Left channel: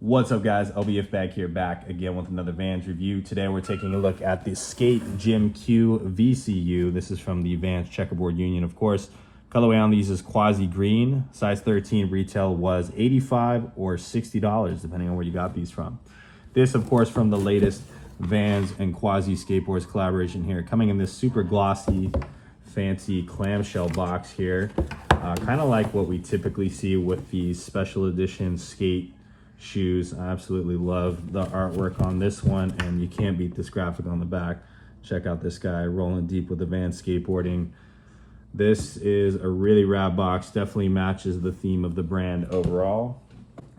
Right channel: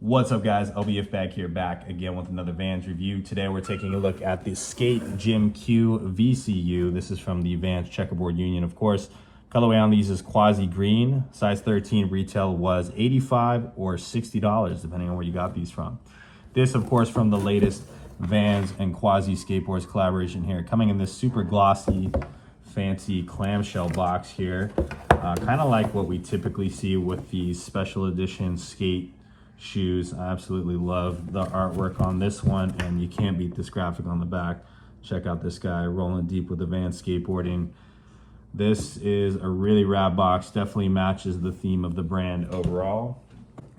What's up, guys? LBF back here, back again with another Vans review. Today we're taking a look at the Skate Gym Q VCU. This is from the Vans Checkerboard Union, of course. Colorway on these is Quasi green. Size 13 retail was $85 or $60, depending on where you got these from. This, of course, from the latest Vans and Quasi Skateboards collaboration here, coming in this super glossy, fancy clamshell box here. Kind of like what we typically see with these special edition skate shoes. I absolutely love the artwork on this one, and you can't beat this graphic on the back. Check out this guy rolling deep with the Vans skateboarding. This is a really rad box, definitely matches the theme of the brand overall.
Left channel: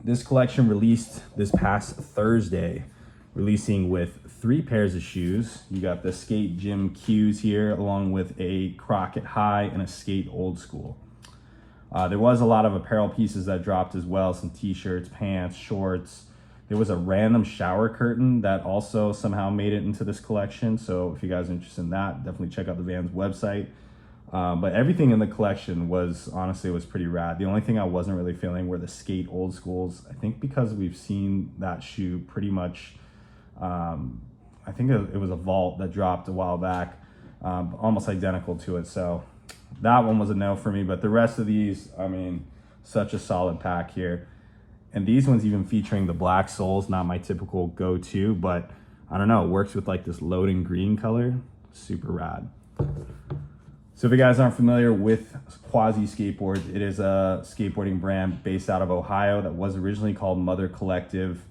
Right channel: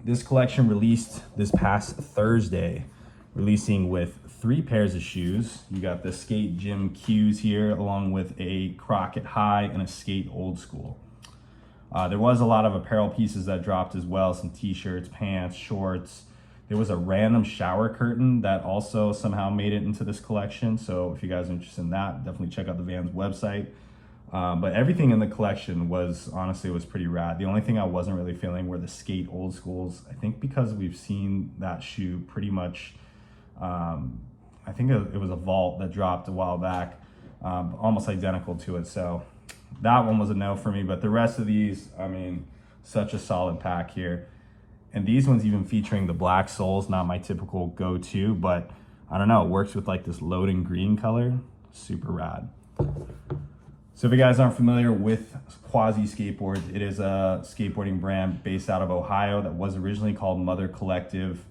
This collection released this past Thursday, releasing with 3 pairs of shoes. You got the Skate Gym Qs here, along with a Crockett High and a Skate Old School. There was a lot of apparel pieces that dropped as well, some t-shirts, pants, shorts. There was a random shower curtain that also somehow made it into this collection. So if you guys are interested in that, definitely check out the Vans website. But everything in the collection was, honestly, it was pretty rad. The only thing I wasn't really feeling were the Skate Old Schools. I think because we've seen that shoe pretty much, I think it was a Vault that dropped a while back, almost identical to it. So that one was a no for me, but the rest of these, I mean, such a solid pack here. And these ones even featuring the black soles, not my typical go-to, but I don't know, it works with like this loading green color, super rad. So if you guys aren't familiar with Quasi Skateboards, it is a skateboarding brand based out of Ohio that was originally called Mother Collective.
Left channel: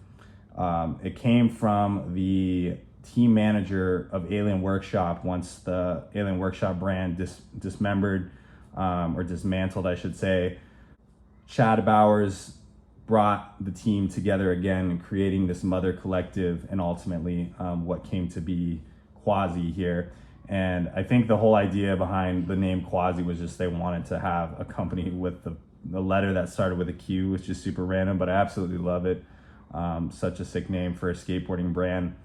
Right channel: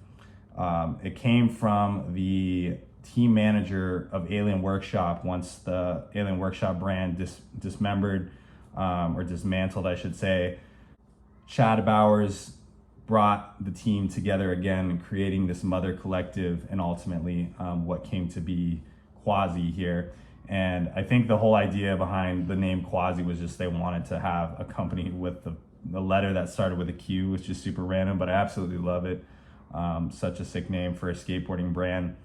It came from the team manager of Alien Workshop once the Alien Workshop brand dismembered, or dismantled, I should say. Chad Bowers brought the team together again, creating this Mother Collective, and ultimately what came to be Quasi here. And I think the whole idea behind the name Quasi was just they wanted to have a company with the letter that started with a Q, which is super random, but I absolutely love it. Such a sick name for a skateboarding brand.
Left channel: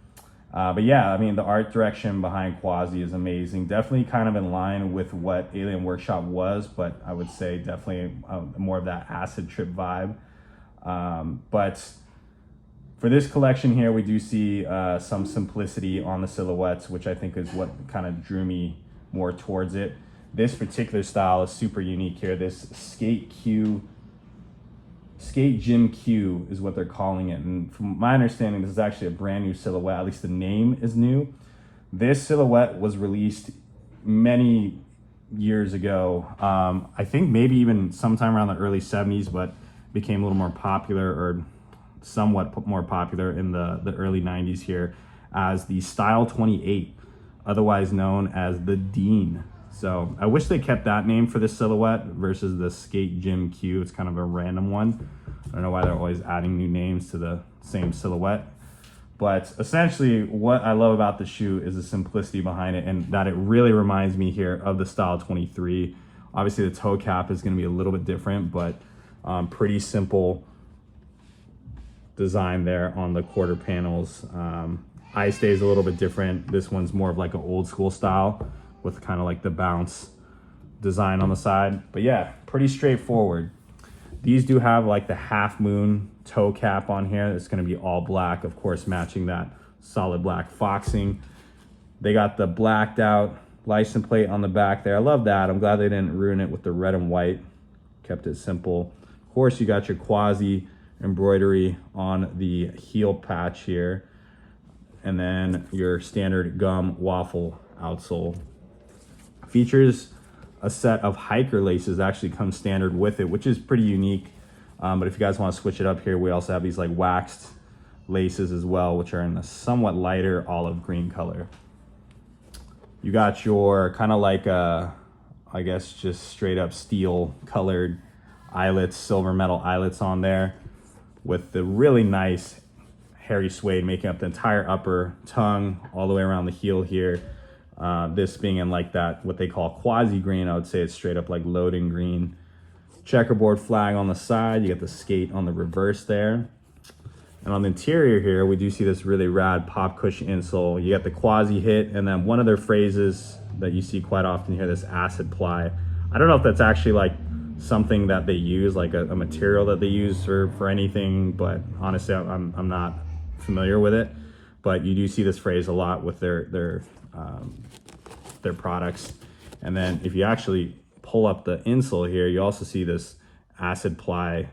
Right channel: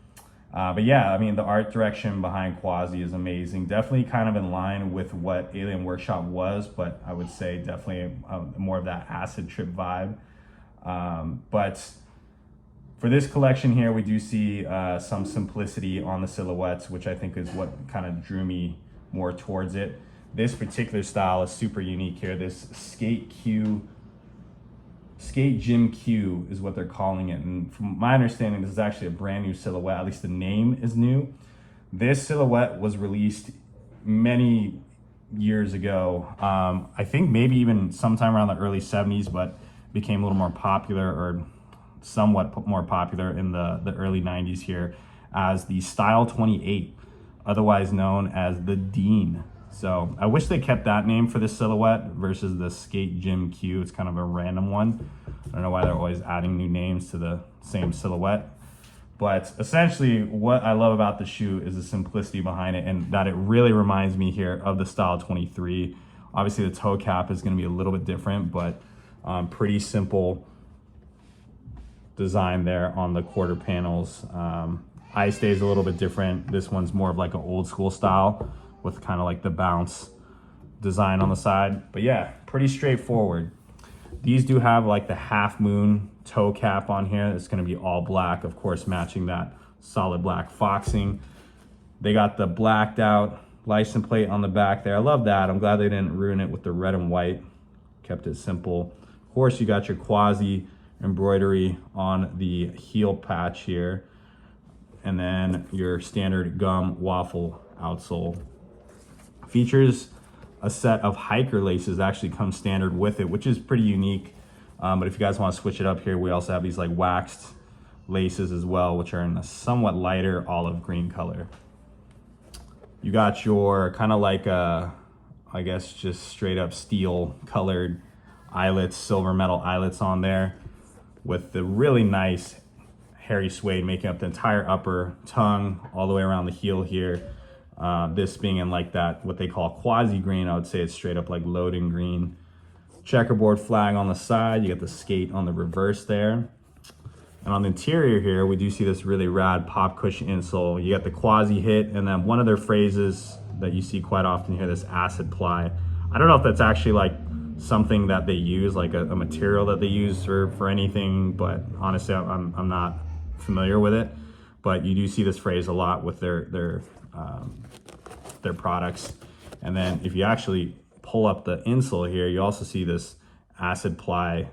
But yeah, I mean, the art direction behind Quasi is amazing. Definitely kind of in line with what Alien Workshop was, but I would say definitely more of that acid trip vibe. But for this collection here, we do see some simplicity on the silhouettes, which I think is what kind of drew me more towards it. This particular style is super unique here. This Skate Gym Q is what they're calling it. And from my understanding, this is actually a brand new silhouette, at least the name is new. This silhouette was released many years ago. I think maybe even sometime around the early 70s, but became a little more popular, or somewhat more popular in the early 90s here as the Style 28, otherwise known as the Dean. So I wish they kept that name for this silhouette versus the Skate Gym Q. It's kind of a random one. I don't know why they're always adding new names to the same silhouette. But essentially what I love about the shoe is the simplicity behind it, and that it really reminds me here of the Style 23. Obviously the toe cap is going to be a little bit different, but pretty simple design there on the quarter panels. Eye stays a little bit different. This one's more of like an old school style with kind of like the bounce design on the side. But yeah, pretty straightforward. These do have like the half moon toe cap on here. It's gonna be all black, of course, matching that solid black foxing. They got the blacked out license plate on the back there. I love that. I'm glad they didn't ruin it with the red and white. Kept it simple. Of course, you got your Quasi embroidery on the heel patch here. And then your standard gum waffle outsole. Features a set of hiker laces that actually come standard with it, which is pretty unique. But if you guys want to switch it up here, we also have these like waxed laces as well, which are in a somewhat lighter olive green color. You got your kind of like I guess just straight up steel colored eyelets, silver metal eyelets on there, with the really nice hairy suede making up the entire upper tongue all the way around the heel here. This being in like that, what they call Quasi green, I would say it's straight up like loading green. Checkerboard flag on the side, you get the skate on the reverse there. And on the interior here, we do see this really rad pop cushion insole. You got the Quasi hit, and then one of their phrases that you see quite often here, this acid ply. I don't know if that's actually like something that they use, like a material that they use for anything, but honestly, I'm not familiar with it. But you do see this phrase a lot with their products. And then if you actually pull up the insole here, you also see this acid ply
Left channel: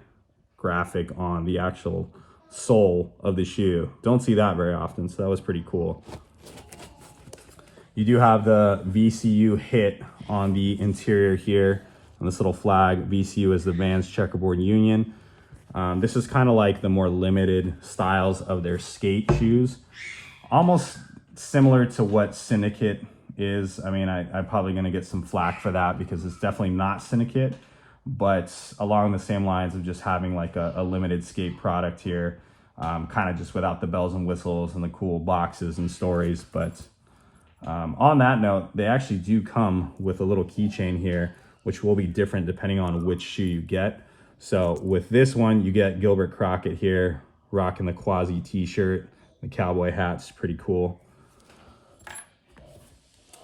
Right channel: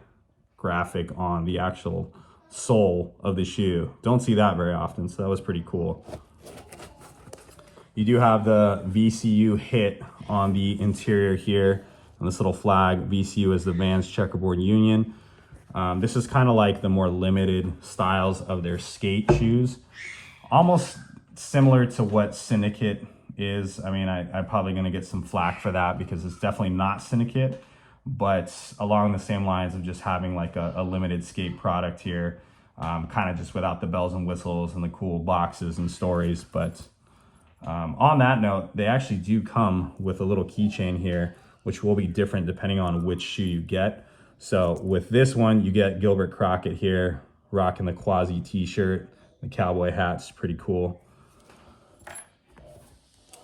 graphic on the actual sole of the shoe. Don't see that very often, so that was pretty cool. You do have the VCU hit on the interior here, and this little flag. VCU is the Vans Checkerboard Union. This is kind of like the more limited styles of their skate shoes, almost similar to what Syndicate is. I mean, I'm probably going to get some flack for that because it's definitely not Syndicate, but along the same lines of just having like a limited skate product here, kind of just without the bells and whistles and the cool boxes and stories. But on that note, they actually do come with a little keychain here, which will be different depending on which shoe you get. So with this one, you get Gilbert Crockett here, rocking the Quasi t-shirt, the cowboy hat's pretty cool.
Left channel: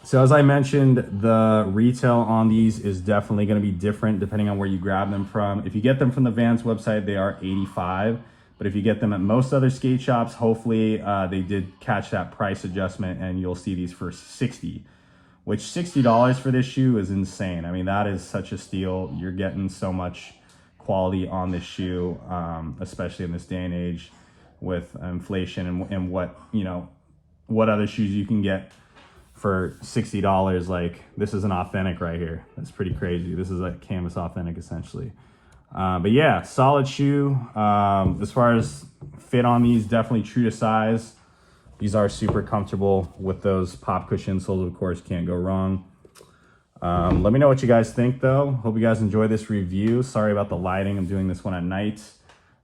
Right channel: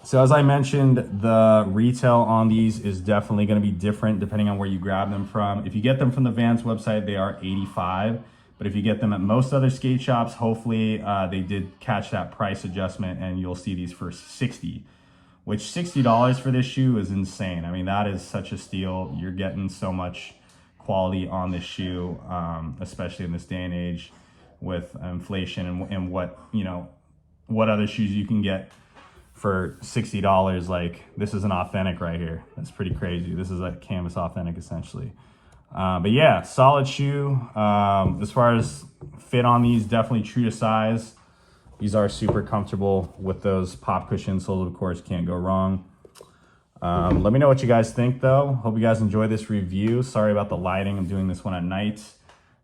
So as I mentioned, the retail on these is definitely going to be different depending on where you grab them from. If you get them from the Vans website, they are $85. But if you get them at most other skate shops, hopefully they did catch that price adjustment and you'll see these for $60. Which $60 for this shoe is insane. I mean, that is such a steal. You're getting so much quality on this shoe, especially in this day and age with inflation and what, you know, what other shoes you can get for $60. Like, this is an authentic right here. That's pretty crazy. This is like canvas authentic essentially. But yeah, solid shoe. As far as fit on these, definitely true to size. These are super comfortable with those pop cushion soles, of course, can't go wrong. Let me know what you guys think though. Hope you guys enjoy this review. Sorry about the lighting, I'm doing this one at night.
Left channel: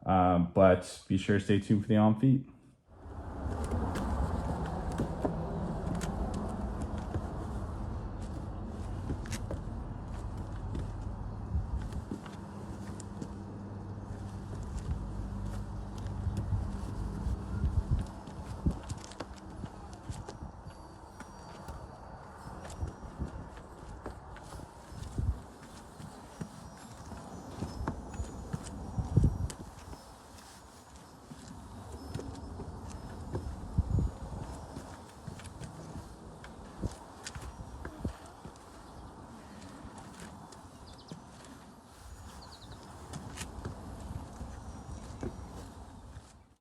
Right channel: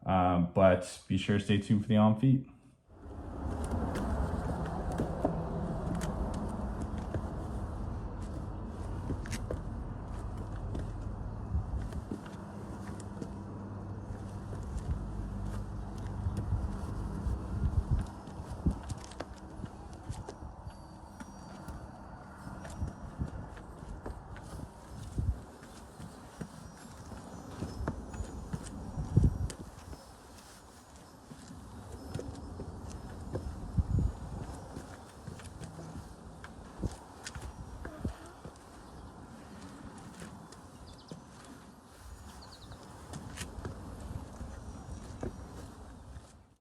But be sure to stay tuned for the On Feet.